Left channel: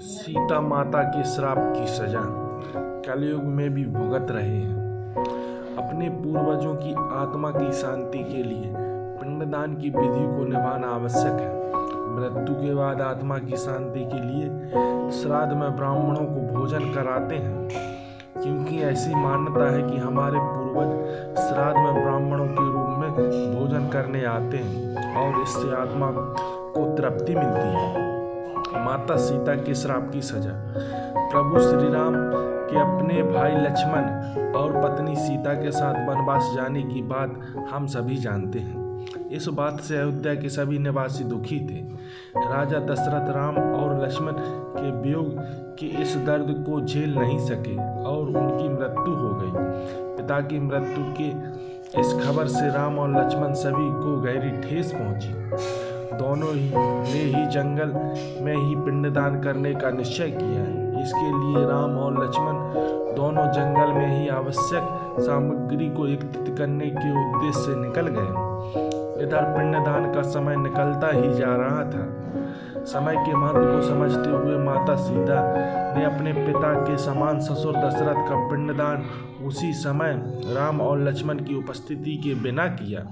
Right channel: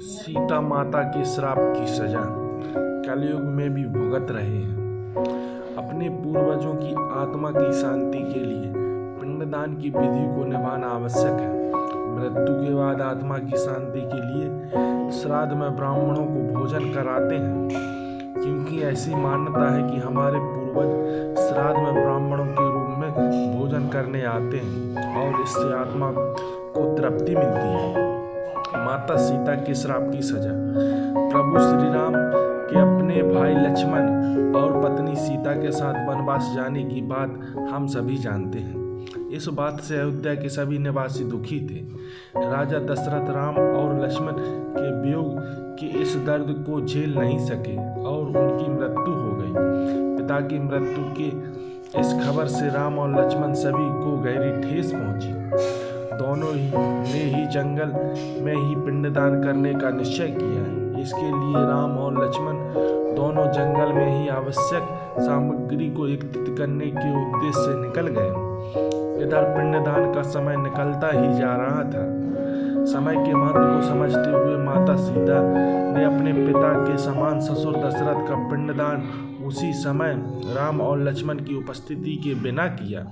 सीता माता के श्राप की सजा कलयुग में भी भुगत रहे हैं। अपने पूर्वजों की आत्मा की शांति के लिए पिंडदान की विधि को निभाना आवश्यक है। मृत्यु के बाद आत्मा की शांति के लिए श्राद्ध में ब्राह्मणों को भोजन कराते हैं, क्योंकि ऐसी मान्यता है कि हमारे पूर्वज श्राद्ध में ब्राह्मणों के रूप में भोजन करने आते हैं और इससे आत्मा को तृप्ति मिलती है। माता सीता के श्राप की सजा। प्रभु श्री राम के अपने भाई लक्ष्मण और पत्नी सीता के साथ वनवास जाने की बात हम सभी जानते हैं। इस बात से अयोध्या के सभी निवासी दुखी थे। राजा दशरथ राम और लक्ष्मण के वियोग के इस दर्द को झेल नहीं सके और उनकी मृत्यु हो गई। पिता की मृत्यु के इस खबर से राम और लक्ष्मण सभी को गहरी ठेस पहुंची। दोनों ने ही जंगल में ही पिंडदान करने का निश्चय किया है। इसके लिए राम और लक्ष्मण दोनों जंगल में ही आवश्यक सामग्री को एकत्रित करने के उद्देश्य से निकल गए। इधर पिंडदान का समय निकलता ही जा रहा था। समय के महत्व को समझते हुए माता सीता ने अपने पिता के समान ससुर दशरथ का पिंडदान उसी समय राम और लक्ष्मण की उपस्थिति के बिना किया।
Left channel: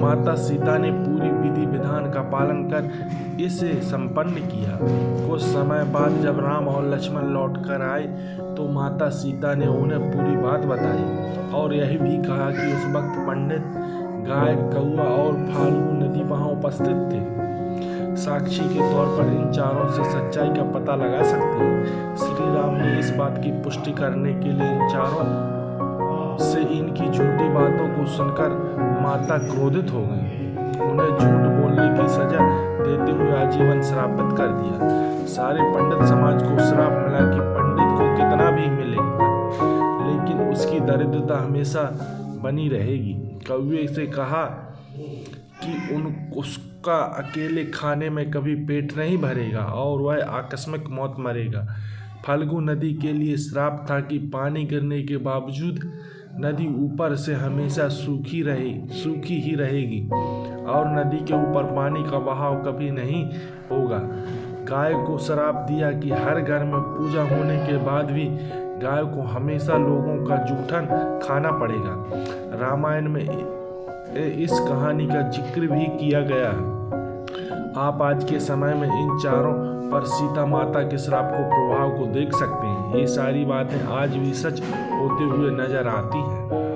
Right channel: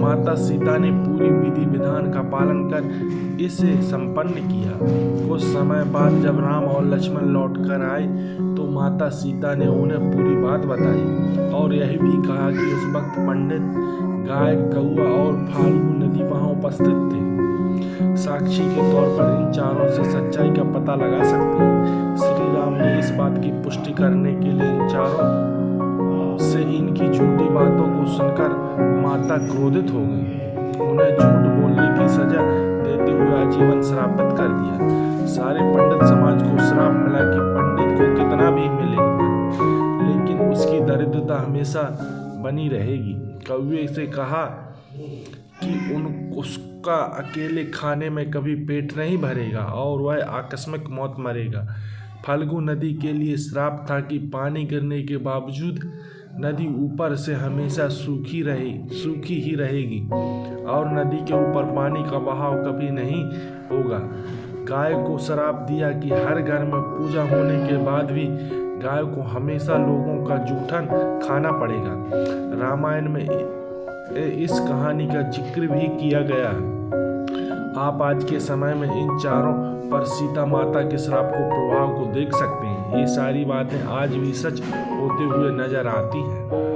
माता सीता ने पूरी विधि विधान का पालन कर इसे संपन्न किया। कुछ समय बाद जब राम और लक्ष्मण लौट कर आए तो माता सीता ने उन्हें पूरी बात बताई और यह भी कहा कि उस वक्त पंडित, गाय, कौआ और फाल्गु नदी वहां उपस्थित थे। साक्षी के तौर पर इन चारों से सच्चाई का पता लगा सकते हैं। श्री राम ने इस बात की पुष्टि करने के लिए इन चारों से इनकी झूठी बातों को सुनकर माता क्रोधित हो गई। उन्हें झूठ बोलने की सजा देते हुए आजीवन श्रापित कर दिया। सारे पंडित समाज को श्राप मिला कि पंडित को कितना भी मिलेगा, लेकिन उसकी दरिद्रता हमेशा बनी रहेगी। कौवे से कहा कि उसका अकेले खाने में कभी पेट नहीं भरेगा और वह आकस्मिक मौत मरेगा। फाल्गु नदी के लिए श्राप था कि पानी गिरने के बावजूद नदी ऊपर से हमेशा सूखी ही रहेगी और नदी के ऊपर पानी का बहाव कभी नहीं होगा। गाय को श्राप दिया कि हर घर में पूजा होने के बाद भी गाय को हमेशा लोगों का जूठन खाना पड़ेगा। रामायण में इस कहानी का जिक्र भी किया गया है। आप आज के समय में इन चारों पर सीता माता के श्राप को प्रभाव को देख सकते हैं। ये सारी बातें आज भी सच होते हुए नजर आती हैं।